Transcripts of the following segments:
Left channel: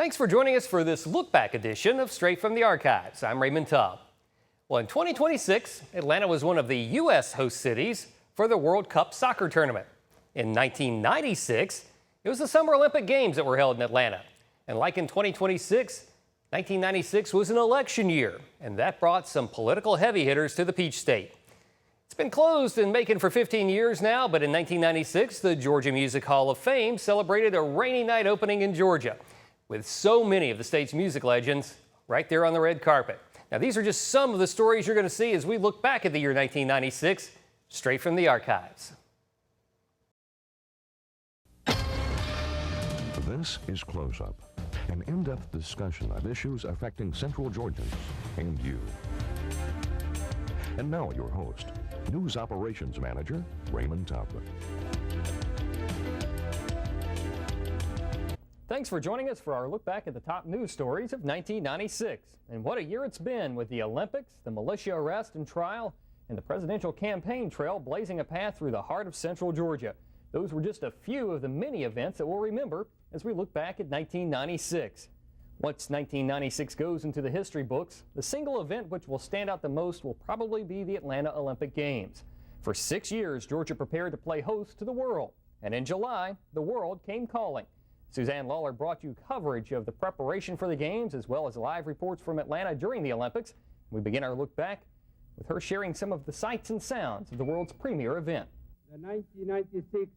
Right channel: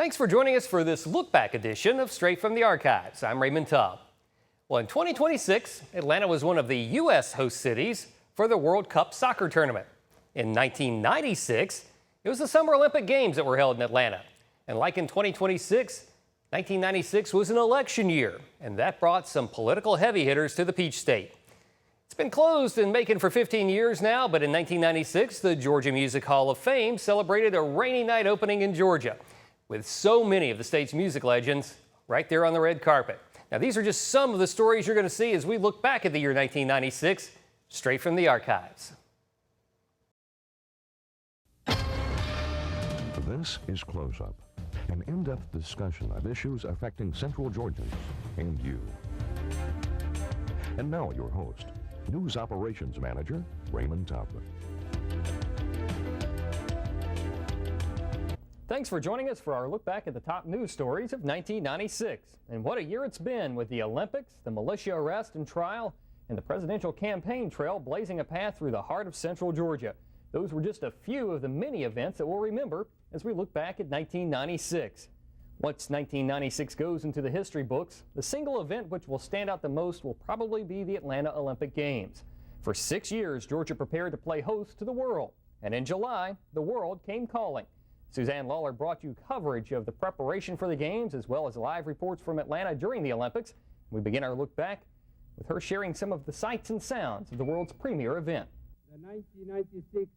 Thanks for joining us for this look-back edition of Straight from the Archives. I'm Raymond Tubb. Well, in 2026, Atlanta was one of the U.S. host cities for the World Cup soccer tournament. In 1996, it was the Summer Olympic Games that were held in Atlanta. And like in 2026, 1996 was an election year, and that brought some political heavy hitters to the Peach State. It's been closed and vacant for 15 years now, but in 1996, the Georgia Music Hall of Fame celebrated a rainy night opening in Georgia, with so many of the state's music legends right there on the red carpet. Now, these are just some of the stories you're going to see as we look back at the year 1996, straight from the archives. This is Close Up, an in-depth discussion of issues affecting Central Georgians and you. And now your host, News Operations Manager, Raymond Tubb. Thanks for joining us for our look back at the top news stories of 1996. And what a year it's been, with the Olympics, the militia arrest and trial, and the presidential campaign trail blazing a path through the heart of Central Georgia. Those were just a few of the many events that we'll remember as we look back at 1996. Once 1996 goes into the history books, the single event which will stand out the most will probably be the Atlanta Olympic Games. For 6 years, Georgia prepared to play host to the world, and in July, the world came calling. Suzanne Lawler brought you coverage of the preparation for the Games as well as live reports from Atlanta during the Olympics. We begin our look back with her sharing some of the sights and sounds of the world's premier event. The 1996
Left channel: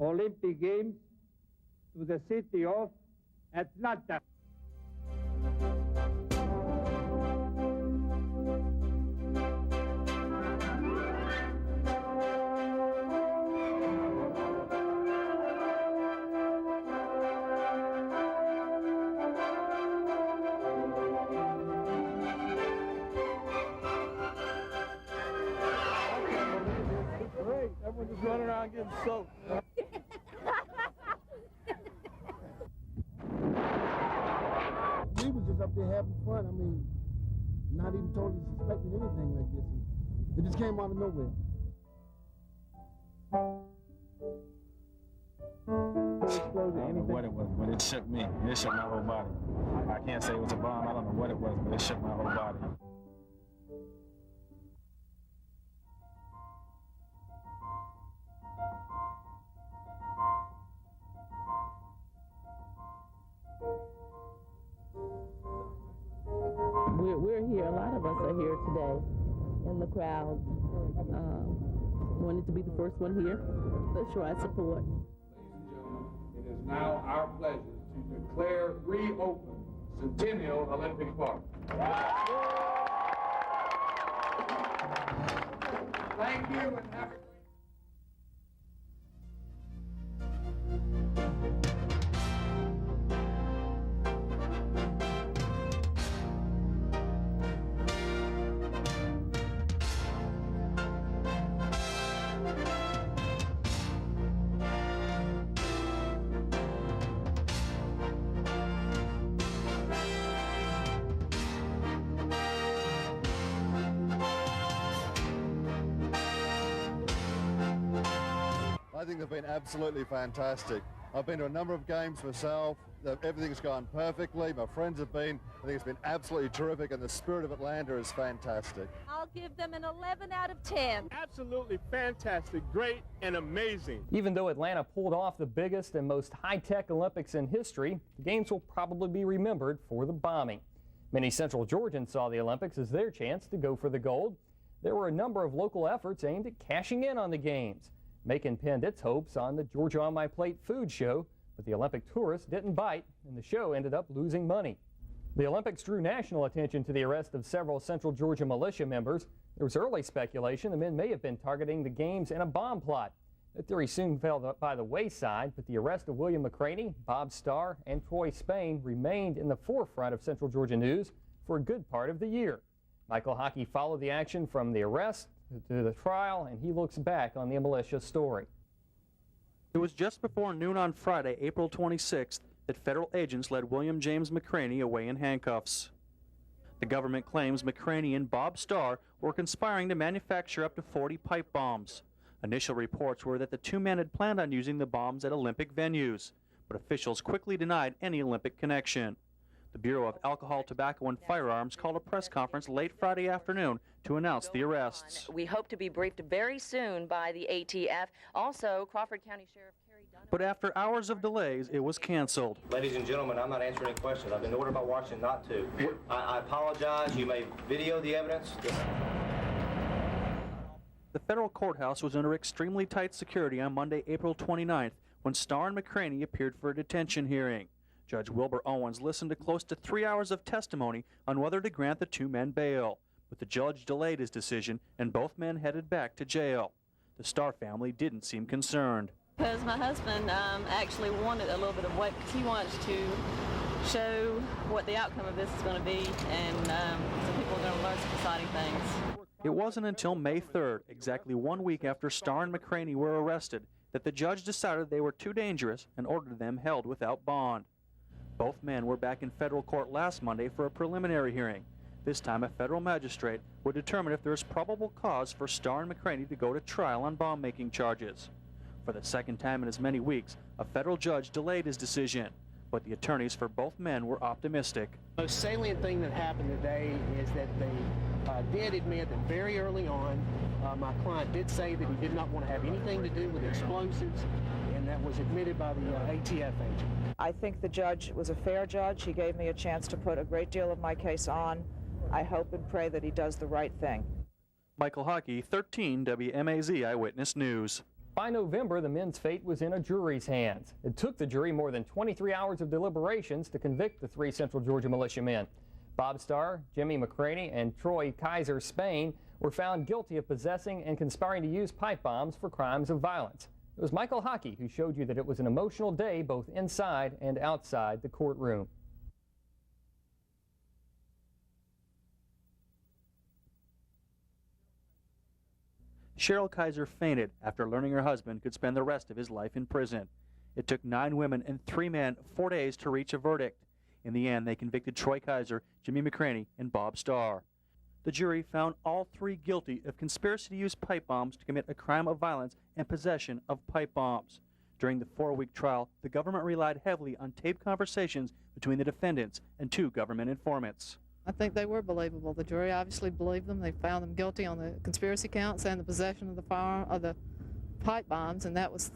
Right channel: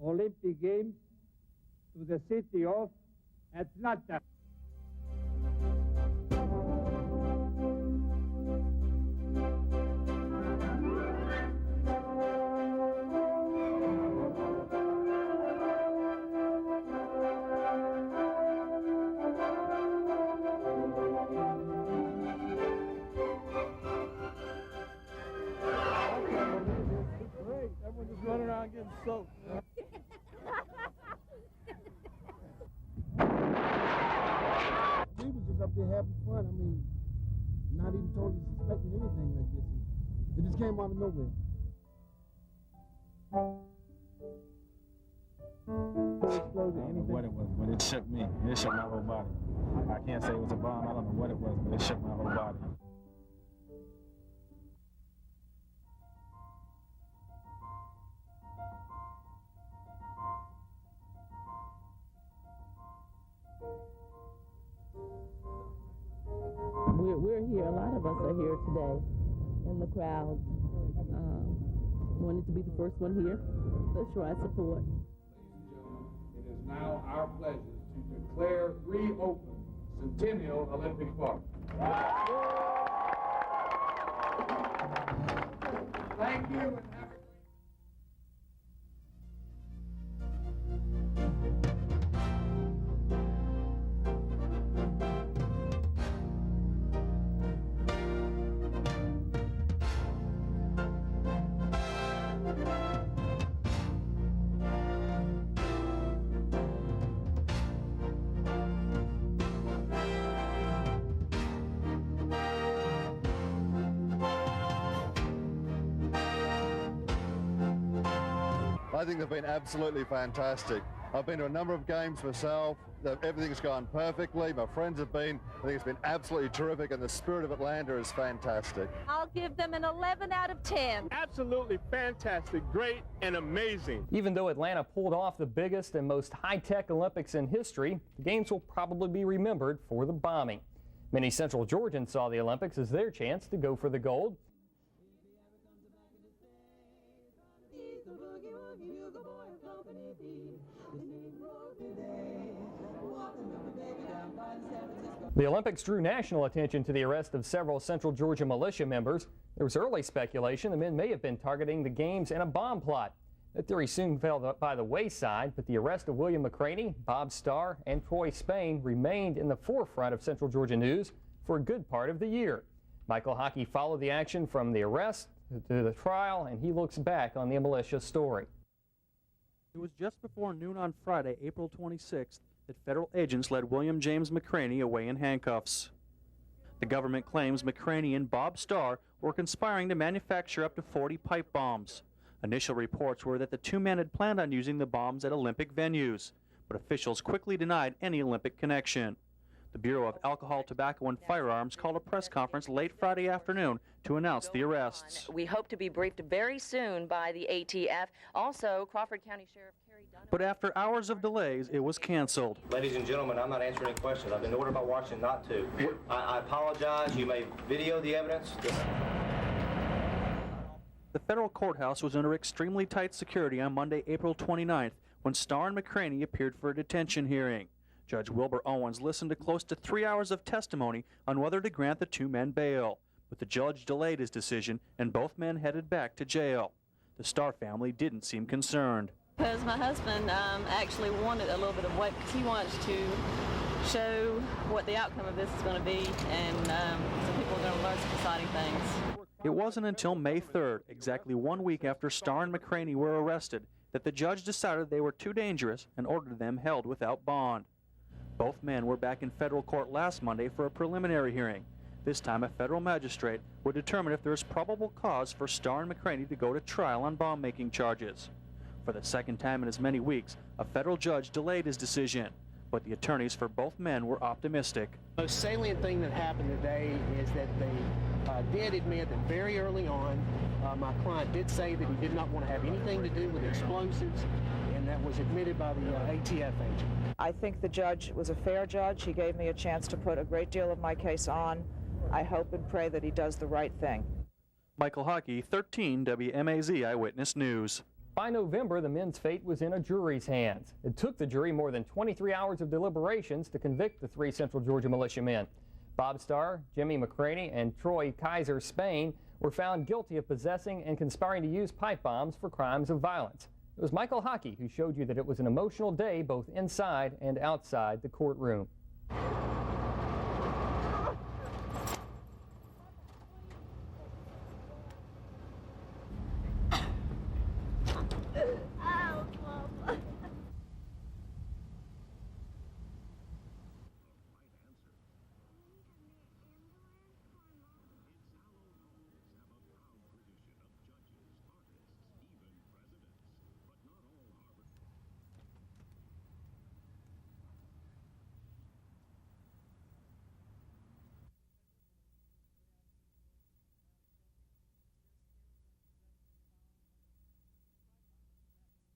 Olympic Games to the city of Atlanta. Everyone just running around getting soaked. We was just up there having fun. I mean, not even totally suspecting anything like this. It just came out of nowhere. I don't know what it was, but it shook me. It shook my whole body. I can't say it was a bomb. I don't know what it was, but it shook my whole body. We're here. A lot of us are here today in the crowd. Wanted to be the first one here to show our support. Ladies and gentlemen, it is now our pleasure to declare reopened Centennial Olympic Park. Thank you and have a I think they've been absolutely fantastic. I've been to a number of games myself. Everything's gone perfectly. My friends have been. I think it's been absolutely terrific, and the spirit of Atlanta is fantastic. I'll give them an 11 out of 10. Absolutely fantastic, great, and amazing. Even though Atlanta pulled off the biggest and most high-tech Olympics in history, the Games will probably be remembered for the bombing. Many Central Georgians saw the Olympics as their chance to go for the gold. There were a number of local efforts aimed at cashing in on the Games. Macon pinned its hopes on the Georgia on My Plate food show, but the Olympic tourists didn't bite, and the show ended up losing money. The Olympics drew national attention to the arrest of several Central Georgia militia members. There was early speculation the men may have been targeting the Games in a bomb plot. That theory soon fell by the wayside, but the arrest of William McCraney, Bob Starr, and Troy Spain remained in the forefront of Central Georgia news for a good part of the year. Michael Hockey followed the action from the arrest to the trial, and he looks back on the militia story. It was just before noon on Friday, April 26th, that federal agents led William James McCraney away in handcuffs. The government claims McCraney and Bob Starr were conspiring to manufacture up to 40 pipe bombs. Initial reports were that the two men had planned on using the bombs at Olympic venues, but officials quickly denied any Olympic connection. The Bureau of Alcohol, Tobacco, and Firearms called a press conference late Friday afternoon to announce the arrests. We hope to be briefed very soon by the ATF. Also, Crawford County Sheriff Kerry Dunn. But after hours of delays, it was canceled. Ladies and gentlemen, I'm not answering any questions. I've been ordered by Washington not to. I apologize. You may video the evidence. The federal courthouse was under extremely tight security on Monday, April 29th, when Starr and McCraney appeared for a detention hearing. Judge Wilbur Owens listened to close to 3 hours of testimony on whether to grant the two men bail, but the judge delayed his decision and both men headed back to jail. The Starr family didn't seem concerned. Because my husband actually wanted a little bit of weight because he wants to show what the outcome of this is going to be, and some people are going to learn some exciting things. It wasn't until May 3rd, exactly 1 week after Starr and McCraney were arrested, that the judge decided they were too dangerous and ordered them held without bond. Both men were back in federal court last Monday for a preliminary hearing. This time, a federal magistrate would determine if there is probable cause for Starr and McCraney to go to trial on bomb-making charges. For the second time in as many weeks, a federal judge delayed his decision, but the attorneys for both men were optimistic. The most salient thing that happened today is that they did admit that very early on, my client did say that he did not want to have anything to do with explosives, and that was admitted by the ATF agent. I think the judge was a fair judge. He gave me a chance to put a great deal of my case on. I hope and pray that he does the right thing. Michael Hockey, 13 WMAZ Eyewitness News. By November, the men's fate was in a jury's hands. It took the jury more than 23 hours of deliberations to convict the three Central Georgia militia men. Bob Starr, Jimmy McCraney, and Troy Kaiser Spain were found guilty of possessing and conspiring to use pipe bombs for crimes of violence. It was Michael Hockey who showed you that it was an emotional day both inside and outside the courtroom. Cheryl Kaiser fainted after learning her husband could spend the rest of his life in prison. It took 9 women and 3 men 4 days to reach a verdict. In the end, they convicted Troy Kaiser, Jimmy McCraney, and Bob Starr. The jury found all 3 guilty of conspiracy to use pipe bombs to commit a crime of violence and possession of pipe bombs. During the 4-week trial, the government relied heavily on taped conversations between the defendants and 2 government informants. I think they were believable. The jury obviously believed them. They found them guilty on the conspiracy counts and the possession of the pipe bombs, and that was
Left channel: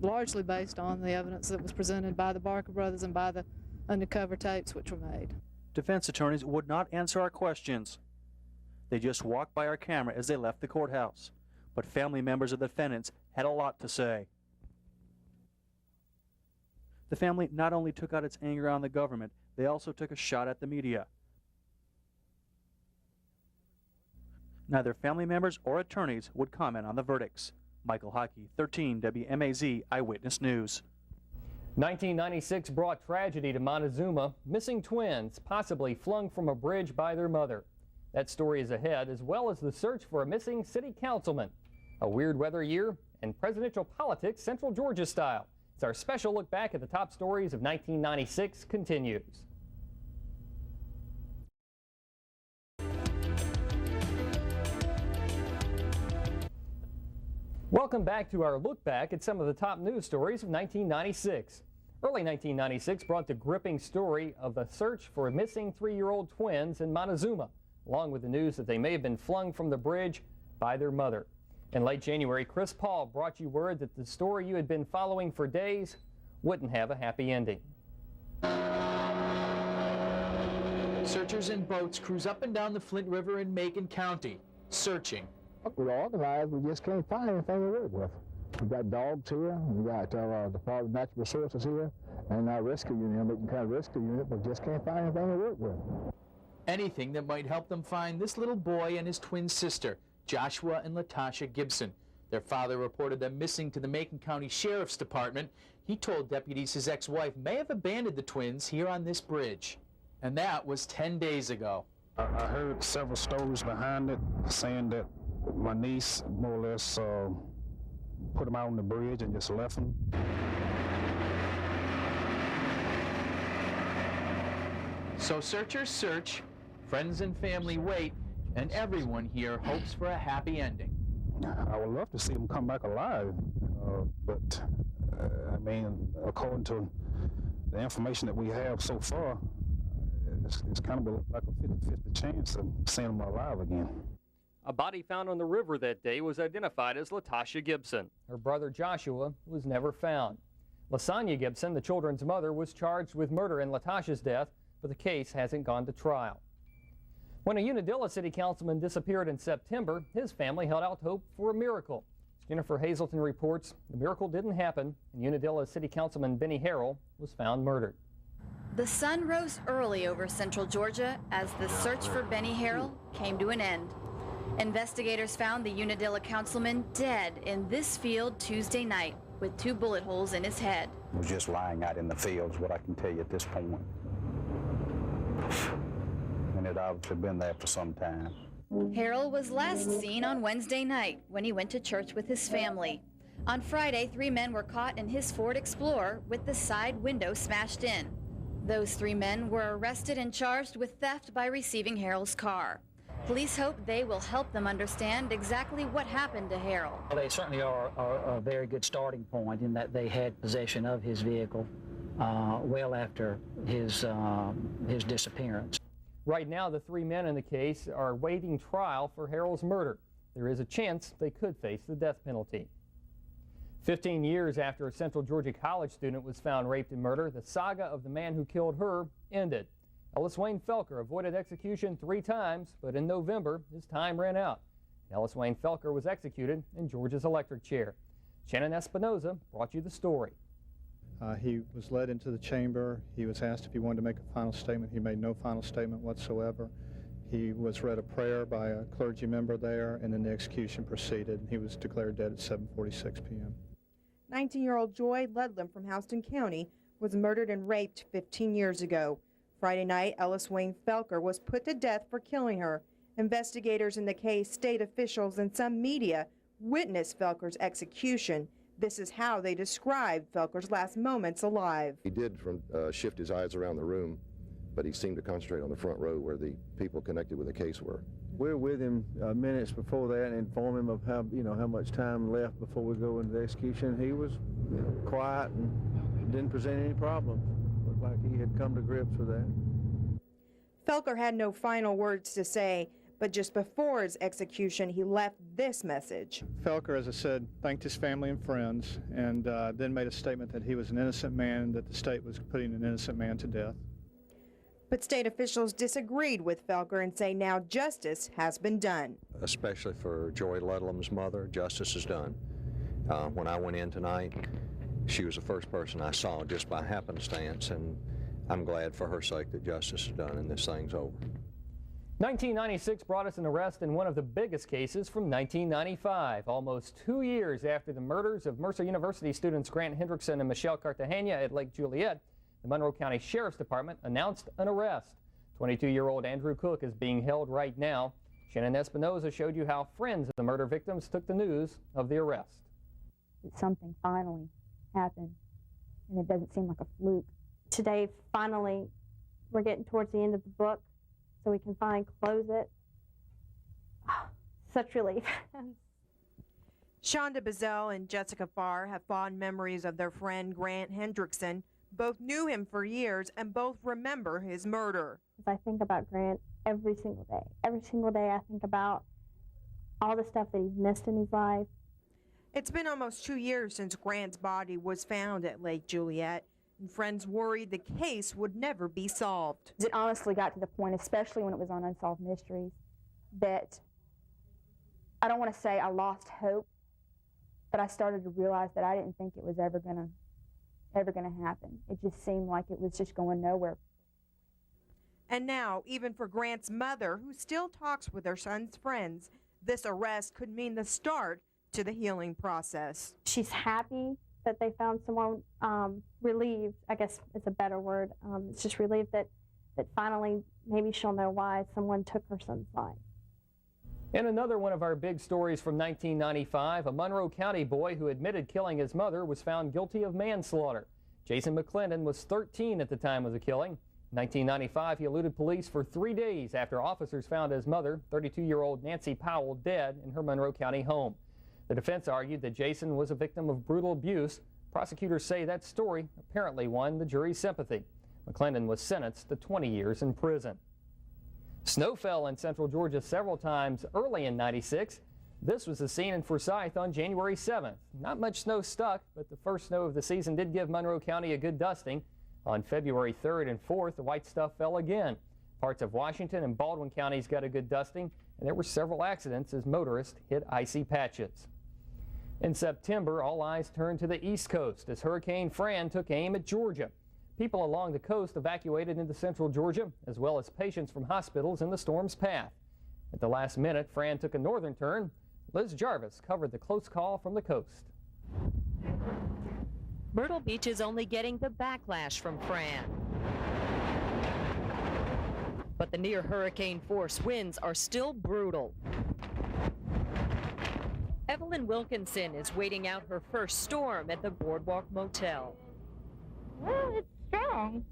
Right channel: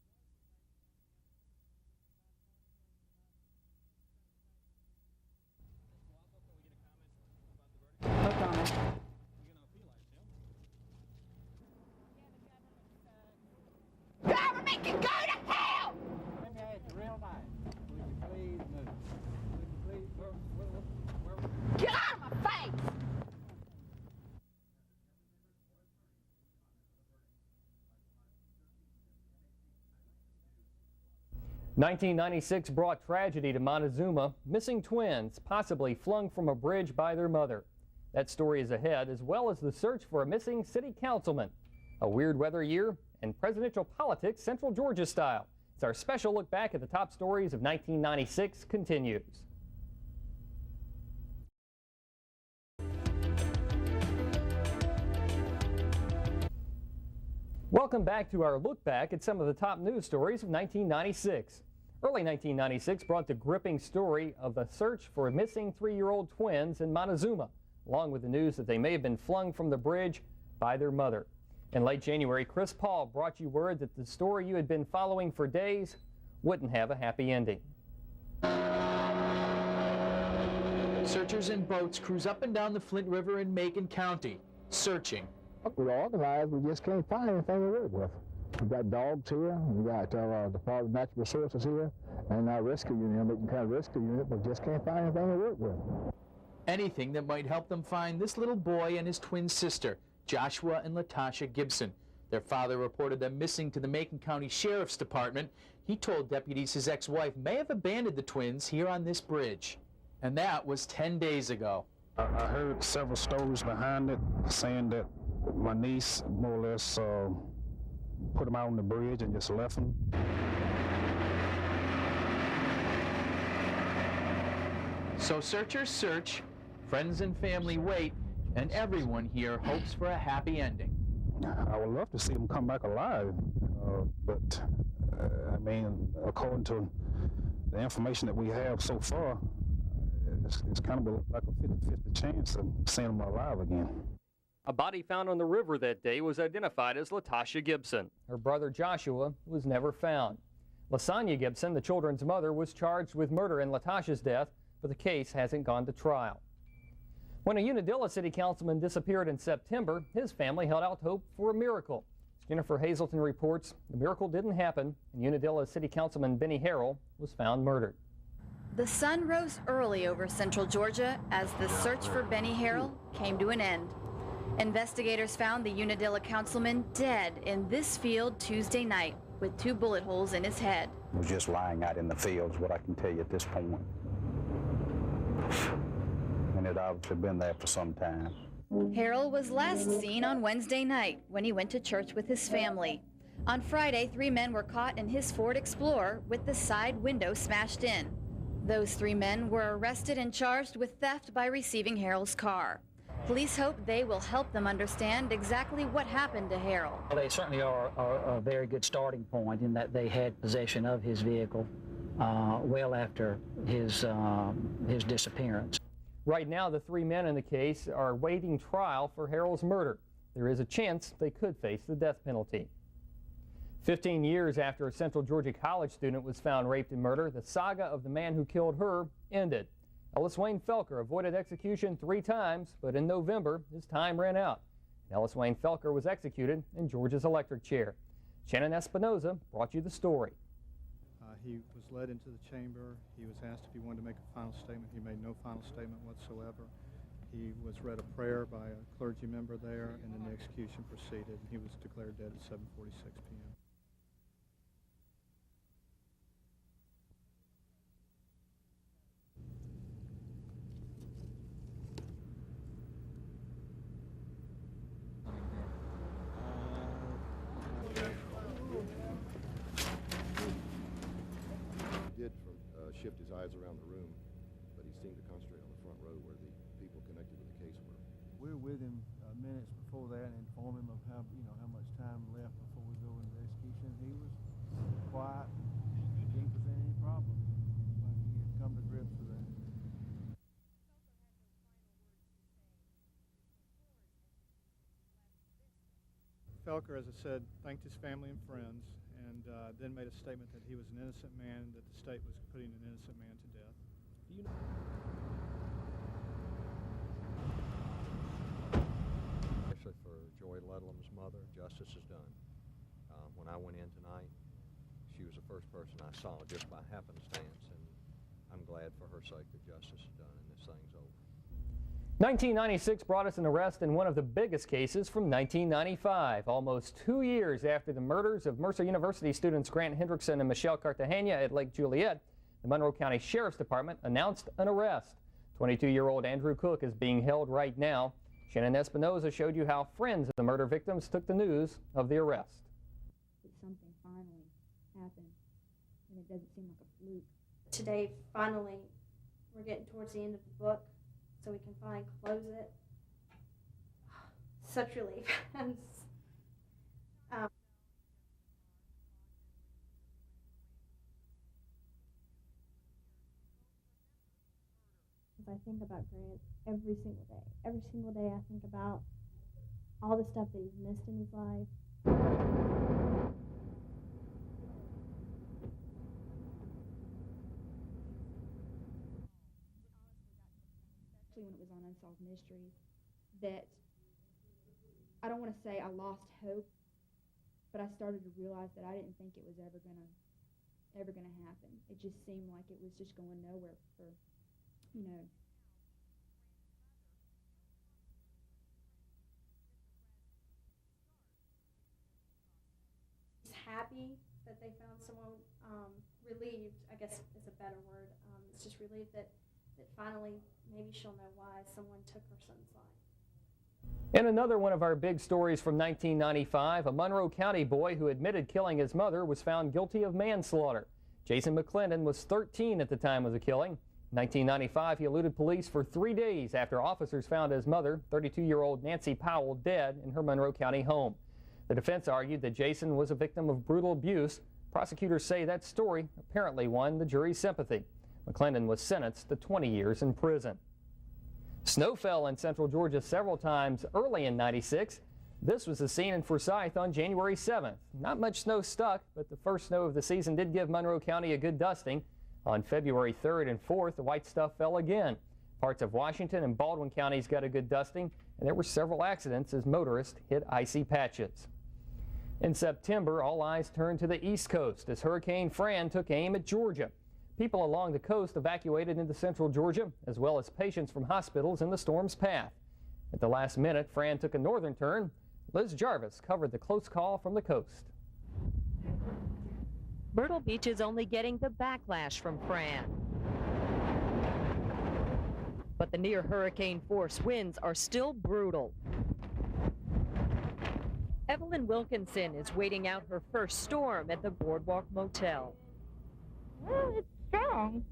largely based on the evidence that was presented by the Barker brothers and by the undercover tapes which were made. Defense attorneys would not answer our questions. No comment. They just walked by our camera as they left the courthouse. But family members of the defendants had a lot to say. Government can go to hell! The family not only took out its anger on the government, they also took a shot at the media. Get out of my face! Neither family members or attorneys would comment on the verdicts. Michael Hockey, 13 WMAZ Eyewitness News. 1996 brought tragedy to Montezuma. Missing twins, possibly flung from a bridge by their mother. That story is ahead, as well as the search for a missing city councilman. A weird weather year and presidential politics Central Georgia style. It's our special look back at the top stories of 1996 continues. Welcome back to our look back at some of the top news stories of 1996. Early 1996 brought the gripping story of the search for missing 3-year-old twins in Montezuma, along with the news that they may have been flung from the bridge by their mother. In late January, Chris Paul brought you word that the story you had been following for days wouldn't have a happy ending. Searchers in boats cruise up and down the Flint River in Macon County, searching. We're organized, we just can't find anything to work with. We've got dogs here, we've got the Department of Natural Resources here, and our rescue unit, Macon County Rescue Unit, but just can't find anything to work with. Anything that might help them find this little boy and his twin sister, Joshua and Latasha Gibson. Their father reported them missing to the Macon County Sheriff's Department. He told deputies his ex-wife may have abandoned the twins here on this bridge. And that was 10 days ago. I heard several stories behind it saying that my niece more or less put them out on the bridge and just left them. So searchers search, friends and family wait, and everyone here hopes for a happy ending. I would love to see them come back alive, but I mean, according to the information that we have so far, it's kind of like a 50-50 chance of seeing them alive again. A body found on the river that day was identified as Latasha Gibson. Her brother Joshua was never found. Lasagna Gibson, the children's mother, was charged with murder in Latasha's death, but the case hasn't gone to trial. When a Unadilla city councilman disappeared in September, his family held out hope for a miracle. Jennifer Hazelton reports the miracle didn't happen, and Unadilla city councilman Benny Harrell was found murdered. The sun rose early over central Georgia as the search for Benny Harrell came to an end. Investigators found the Unadilla councilman dead in this field Tuesday night with 2 bullet holes in his head. He was just lying out in the fields, what I can tell you at this point. And it obviously been there for some time. Harrell was last seen on Wednesday night when he went to church with his family. On Friday, 3 men were caught in his Ford Explorer with the side window smashed in. Those 3 men were arrested and charged with theft by receiving Harrell's car. Police hope they will help them understand exactly what happened to Harrell. Well, they certainly are a very good starting point in that they had possession of his vehicle well after his disappearance. Right now, the 3 men in the case are awaiting trial for Harrell's murder. There is a chance they could face the death penalty. 15 years after a Central Georgia college student was found raped and murdered, the saga of the man who killed her ended. Ellis Wayne Felker avoided execution 3 times, but in November, his time ran out. Ellis Wayne Felker was executed in Georgia's electric chair. Shannon Espinoza brought you the story. He was led into the chamber. He was asked if he wanted to make a final statement. He made no final statement whatsoever. He was read a prayer by a clergy member there, and then the execution proceeded. He was declared dead at 7:46 p.m. 19-year-old Joy Ludlam from Houston County was murdered and raped 15 years ago. Friday night, Ellis Wayne Felker was put to death for killing her. Investigators in the case, state officials, and some media witnessed Felker's execution. This is how they described Felker's last moments alive. He did shift his eyes around the room, but he seemed to concentrate on the front row where the people connected with the case were. We're with him minutes before that and inform him of how much time left before we go into the execution. He was quiet and didn't present any problem. Looked like he had come to grips with that. Felker had no final words to say, but just before his execution, he left this message. Felker, as I said, thanked his family and friends, and then made a statement that he was an innocent man and that the state was putting an innocent man to death. But state officials disagreed with Felker and say now justice has been done. Especially for Joy Ludlam's mother, justice is done. When I went in tonight, she was the first person I saw just by happenstance, and I'm glad for her sake that justice is done and this thing's over. 1996 brought us an arrest in one of the biggest cases from 1995. Almost 2 years after the murders of Mercer University students Grant Hendrickson and Michelle Cartagena at Lake Juliet, the Monroe County Sheriff's Department announced an arrest. 22-year-old Andrew Cook is being held right now. Shannon Espinoza showed you how friends of the murder victims took the news of the arrest. Something finally happened, and it doesn't seem like a fluke. Today, finally, we're getting towards the end of the book, so we can finally close it. Such relief. Shonda Bazell and Jessica Farr have fond memories of their friend Grant Hendrickson. Both knew him for years and both remember his murder. I think about Grant every single day. Every single day I think about all the stuff that he's missed in his life. It's been almost 2 years since Grant's body was found at Lake Juliet. Friends worried the case would never be solved. It honestly got to the point, especially when it was on Unsolved Mysteries, that I don't want to say I lost hope, but I started to realize that I didn't think it was ever gonna happen. It just seemed like it was just going nowhere. And now, even for Grant's mother, who still talks with her son's friends, this arrest could mean the start to the healing process. She's happy that they found someone, relieved, I guess it's a better word. It's just relieved that finally maybe she'll know why someone took her son's life. In another one of our big stories from 1995, a Monroe County boy who admitted killing his mother was found guilty of manslaughter. Jason McClendon was 13 at the time of the killing. In 1995, he eluded police for 3 days after officers found his mother, 32-year-old Nancy Powell, dead in her Monroe County home. The defense argued that Jason was a victim of brutal abuse, Prosecutors say that story apparently won the jury's sympathy. McClendon was sentenced to 20 years in prison. Snow fell in central Georgia several times early in '96. This was the scene in Forsyth on January 7th. Not much snow stuck, but the first snow of the season did give Monroe County a good dusting. On February 3rd and 4th, the white stuff fell again. Parts of Washington and Baldwin counties got a good dusting, and there were several accidents as motorists hit icy patches. In September, all eyes turned to the East Coast as Hurricane Fran took aim at Georgia. People along the coast evacuated into central Georgia, as well as patients from hospitals in the storm's path. At the last minute, Fran took a northern turn. Liz Jarvis covered the close call from the coast. Myrtle Beach is only getting the backlash from Fran. But the near hurricane force winds are still brutal. Evelyn Wilkinson is waiting out her first storm at the Boardwalk Motel. Well, it's strong.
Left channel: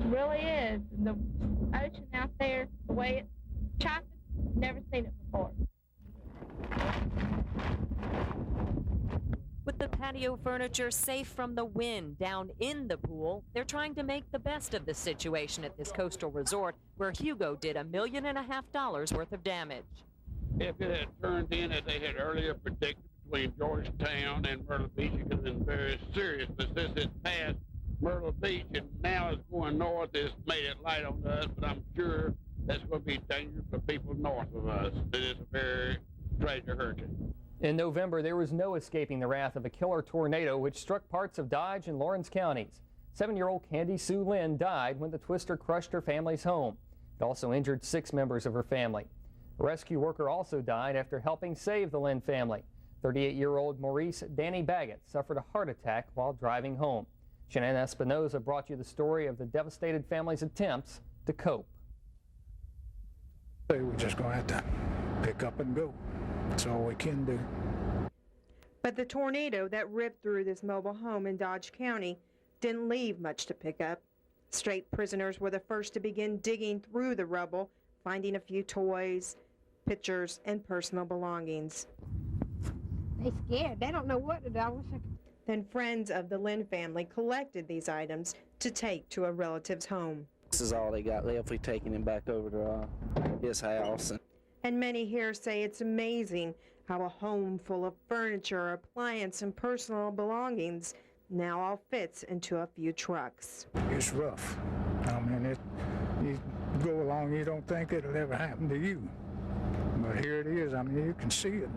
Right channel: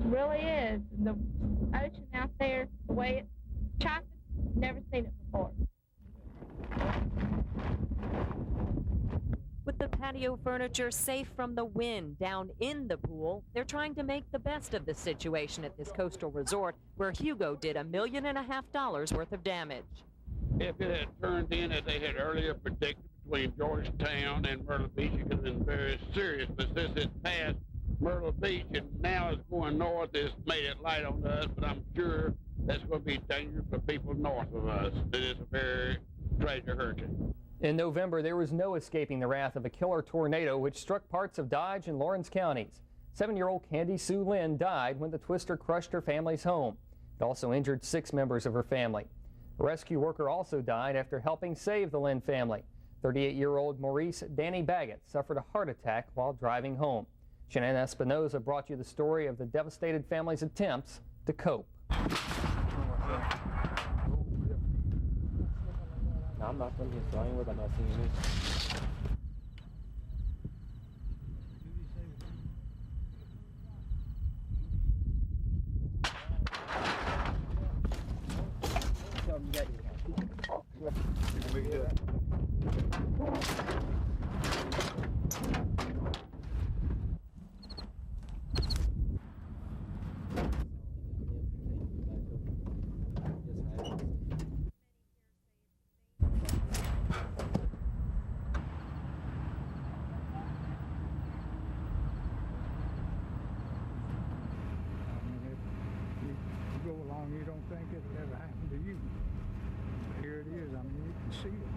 It really is. And the ocean out there, the way it's chopping, never seen it before. With the patio furniture safe from the wind down in the pool, they're trying to make the best of the situation at this coastal resort where Hugo did $1.5 million worth of damage. If it had turned in as they had earlier predicted between Georgetown and Myrtle Beach, it could have been very serious. But since it passed Myrtle Beach and now it's going north, it's made it light on us, but I'm sure that's going to be dangerous for people north of us. It is a very tragic hurricane. In November, there was no escaping the wrath of a killer tornado which struck parts of Dodge and Lawrence counties. 7-year-old Candy Sue Lynn died when the twister crushed her family's home. It also injured 6 members of her family. A rescue worker also died after helping save the Lynn family. 38-year-old Maurice Danny Baggett suffered a heart attack while driving home. Shannon Espinoza brought you the story of the devastated family's attempts to cope. We're just going to have to pick up and go. That's all we can do. But the tornado that ripped through this mobile home in Dodge County didn't leave much to pick up. Strait prisoners were the first to begin digging through the rubble, finding a few toys, pictures, and personal belongings. They're scared. They don't know what to do. And friends of the Lynn family collected these items to take to a relative's home. This is all they got left. We've taken him back over to his house. And many here say it's amazing how a home full of furniture, appliance, and personal belongings now all fits into a few trucks. It's rough. I mean, you go along, you don't think it'll ever happen to you. But here it is. I mean, you can see it.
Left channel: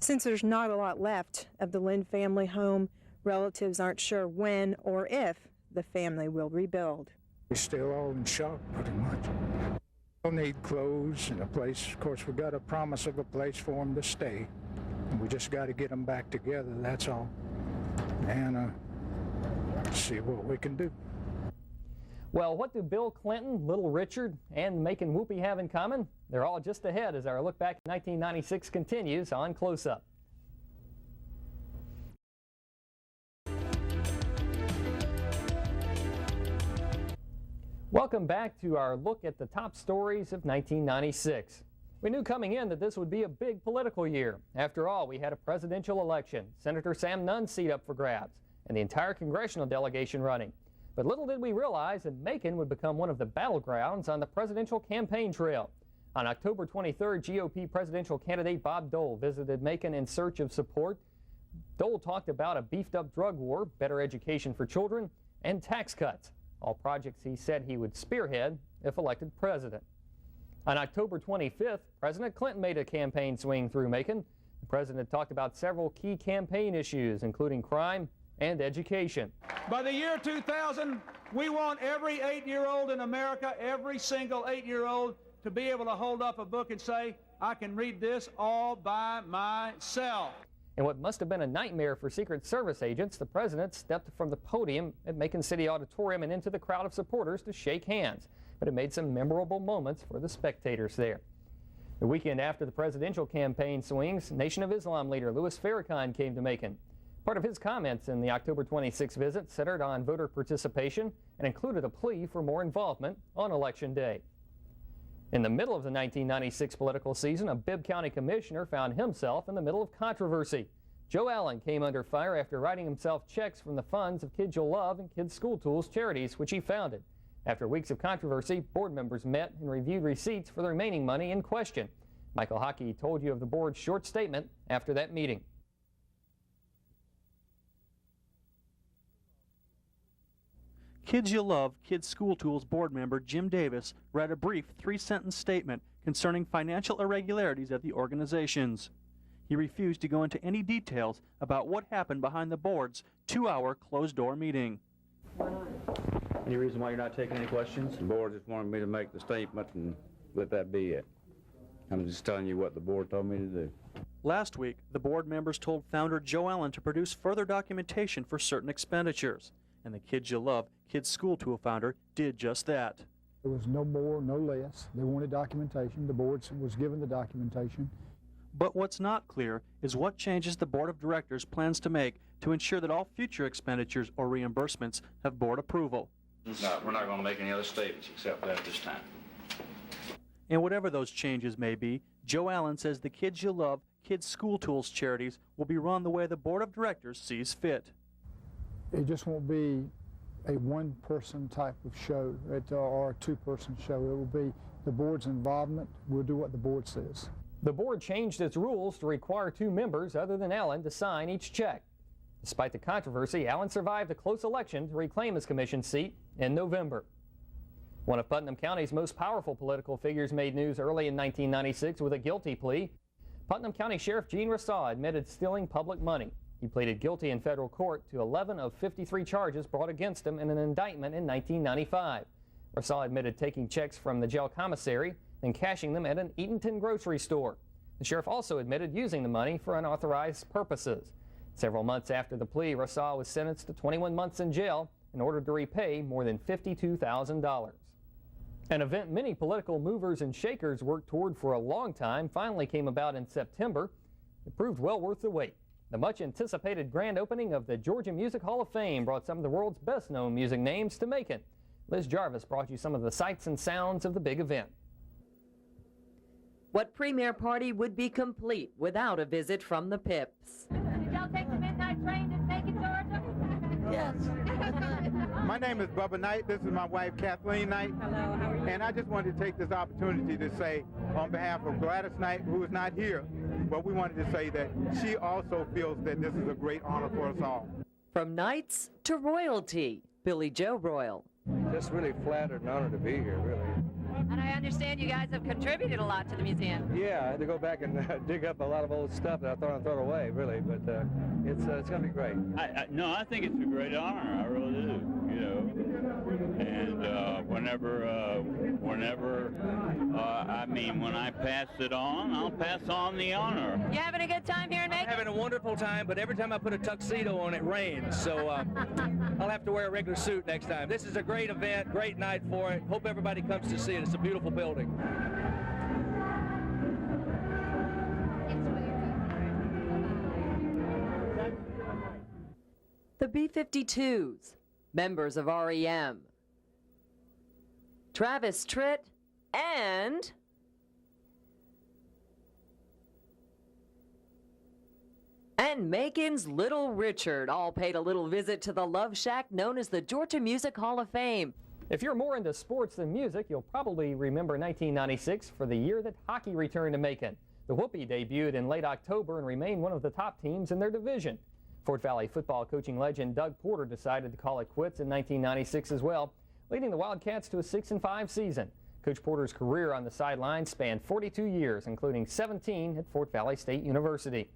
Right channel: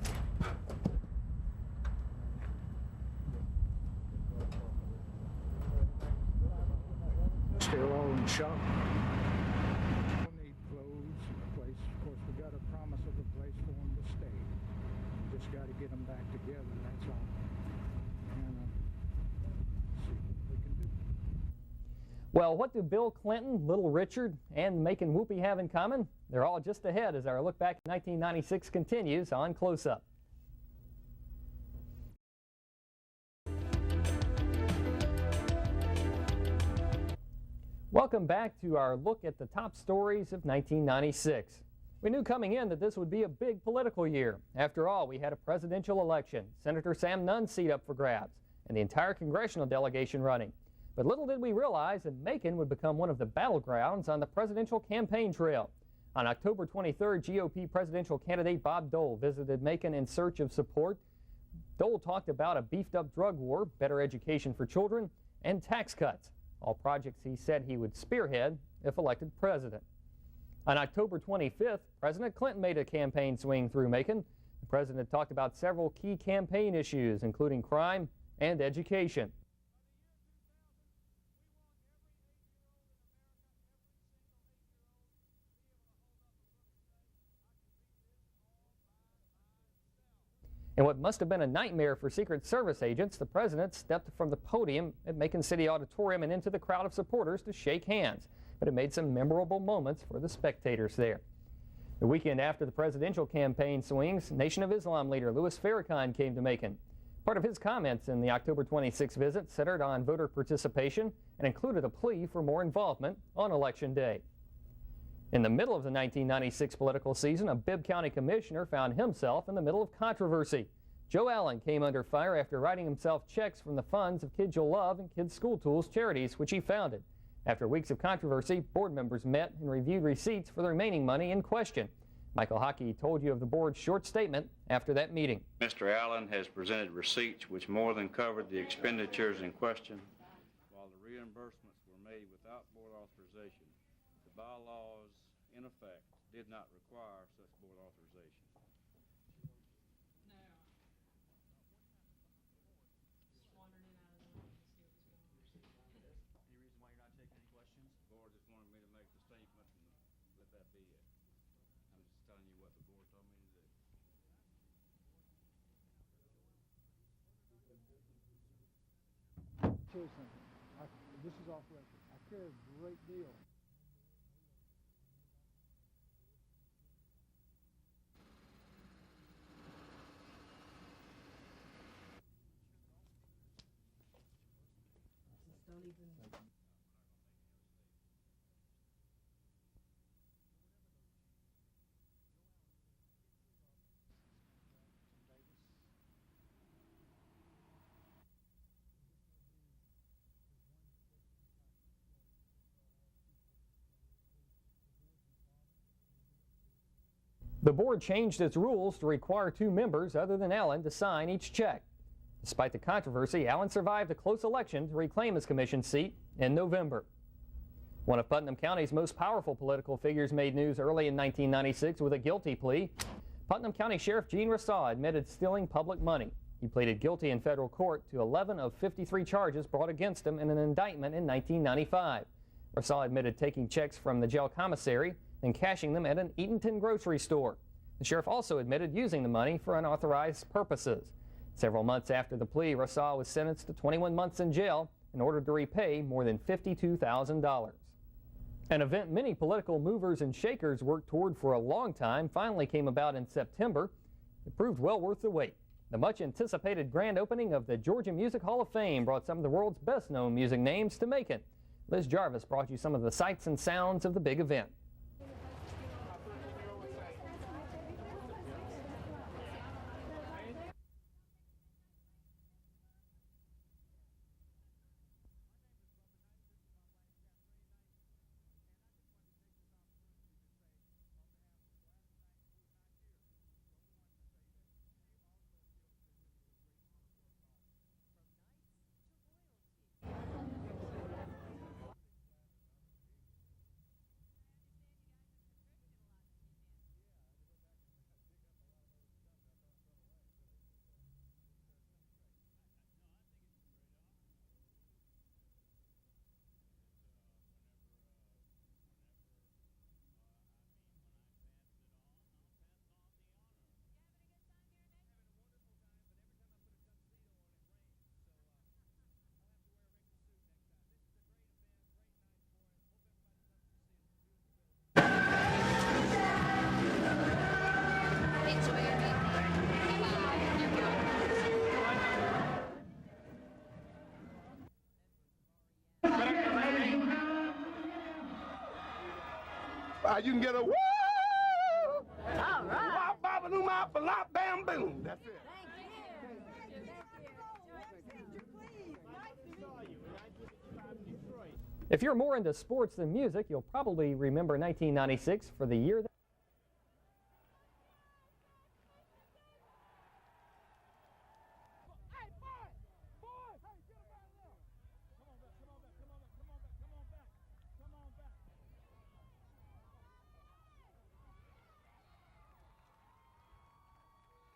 Since there's not a lot left of the Lynn family home, relatives aren't sure when or if the family will rebuild. We're still all in shock, pretty much. We'll need clothes and a place. Of course, we got a promise of a place for them to stay. And we just got to get them back together, that's all. And see what we can do. Well, what do Bill Clinton, Little Richard, and Macon Whoopi have in common? They're all just ahead as our look back at 1996 continues on Close Up. Welcome back to our look at the top stories of 1996. We knew coming in that this would be a big political year. After all, we had a presidential election, Senator Sam Nunn's seat up for grabs, and the entire congressional delegation running. But little did we realize that Macon would become one of the battlegrounds on the presidential campaign trail. On October 23rd, GOP presidential candidate Bob Dole visited Macon in search of support. Dole talked about a beefed-up drug war, better education for children, and tax cuts, all projects he said he would spearhead if elected president. On October 25th, President Clinton made a campaign swing through Macon. The president talked about several key campaign issues, including crime and education. By the year 2000, we want every 8-year-old in America, every single 8-year-old, to be able to hold up a book and say, I can read this all by myself. In what must have been a nightmare for Secret Service agents, the president stepped from the podium at Macon City Auditorium and into the crowd of supporters to shake hands. But it made some memorable moments for the spectators there. The weekend after the presidential campaign swings, Nation of Islam leader Louis Farrakhan came to Macon. Part of his comments in the October 26 visit centered on voter participation and included a plea for more involvement on Election Day. In the middle of the 1996 political season, a Bibb County commissioner found himself in the middle of controversy. Joe Allen came under fire after writing himself checks from the funds of Kids You'll Love and Kids School Tools charities, which he founded. After weeks of controversy, board members met and reviewed receipts for the remaining money in question. Michael Hockey told you of the board's short statement after that meeting. Mr. Allen has presented receipts which more than covered the expenditures in question. Kids You'll Love Kids School Tools board member Jim Davis read a brief 3-sentence statement concerning financial irregularities at the organizations. He refused to go into any details about what happened behind the board's 2-hour closed-door meeting. Any reason why you're not taking any questions? The board just wanted me to make the statement and let that be it. I'm just telling you what the board told me to do. Last week, the board members told founder Joe Allen to produce further documentation for certain expenditures, and the Kids You'll Love Kids School Tool founder did just that. There was no more, no less. They wanted documentation. The board was given the documentation. But what's not clear is what changes the board of directors plans to make to ensure that all future expenditures or reimbursements have board approval. No, we're not going to make any other statements except that this time. And whatever those changes may be, Joe Allen says the Kids You'll Love Kids School Tools charities will be run the way the board of directors sees fit. It just won't be a one-person type of show or a two-person show. It will be the board's involvement. We'll do what the board says. The board changed its rules to require 2 members other than Allen to sign each check. Despite the controversy, Allen survived a close election to reclaim his commission seat in November. One of Putnam County's most powerful political figures made news early in 1996 with a guilty plea. Putnam County Sheriff Gene Rasaw admitted stealing public money. He pleaded guilty in federal court to 11 of 53 charges brought against him in an indictment in 1995. Rasaw admitted taking checks from the jail commissary and cashing them at an Eatonton grocery store. The sheriff also admitted using the money for unauthorized purposes. Several months after the plea, Rasaw was sentenced to 21 months in jail in order to repay more than $52,000. An event many political movers and shakers worked toward for a long time finally came about in September. It proved well worth the wait. The much-anticipated grand opening of the Georgia Music Hall of Fame brought some of the world's best-known music names to Macon. Liz Jarvis brought you some of the sights and sounds of the big event. What premier party would be complete without a visit from the Pips? Did y'all take the midnight train to Macon, Georgia? Yes. My name is Bubba Knight. This is my wife, Kathleen Knight. Hello, how are you? And I just wanted to take this opportunity to say, on behalf of Gladys Knight, who is not here, but we wanted to say that she also feels that this is a great honor for us all. From Knights to royalty, Billy Joe Royal. Just really flattered and honored to be here, really. And I understand you guys have contributed a lot to the museum. Yeah, I had to go back and dig up a lot of old stuff that I thought I'd throw away, really, but it's going to be great. No, I think it's a great honor. I really do, you know. And when I pass it on, I'll pass on the honor. You having a good time here in Macon? I'm having a wonderful time, but every time I put a tuxedo on, it rains. So I'll have to wear a regular suit next time. This is a great event, great night for it. Hope everybody comes to see it. It's a beautiful building. The B-52s, members of REM, Travis Tritt, and... You can get a woo! All right. That's it. And Macon's Little Richard all paid a little visit to the Love Shack known as the Georgia Music Hall of Fame. If you're more into sports than music, you'll probably remember 1996 for the year that hockey returned to Macon. The Whoopie debuted in late October and remained one of the top teams in their division. Fort Valley football coaching legend Doug Porter decided to call it quits in 1996 as well, leading the Wildcats to a 6-5 season. Coach Porter's career on the sidelines spanned 42 years, including 17 at Fort Valley State University.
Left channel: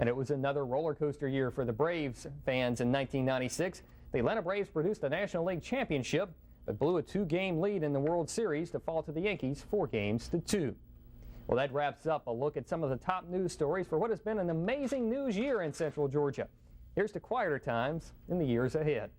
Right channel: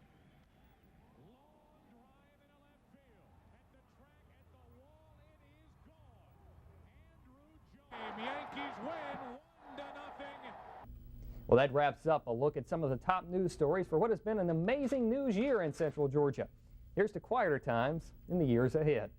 And it was another roller coaster year for the Braves fans in 1996. The Atlanta Braves produced a National League championship, but blew a 2-game lead in the World Series to fall to the Yankees 4-2. Well, that wraps up a look at some of the top news stories for what has been an amazing news year in Central Georgia. Here's to quieter times in the years ahead.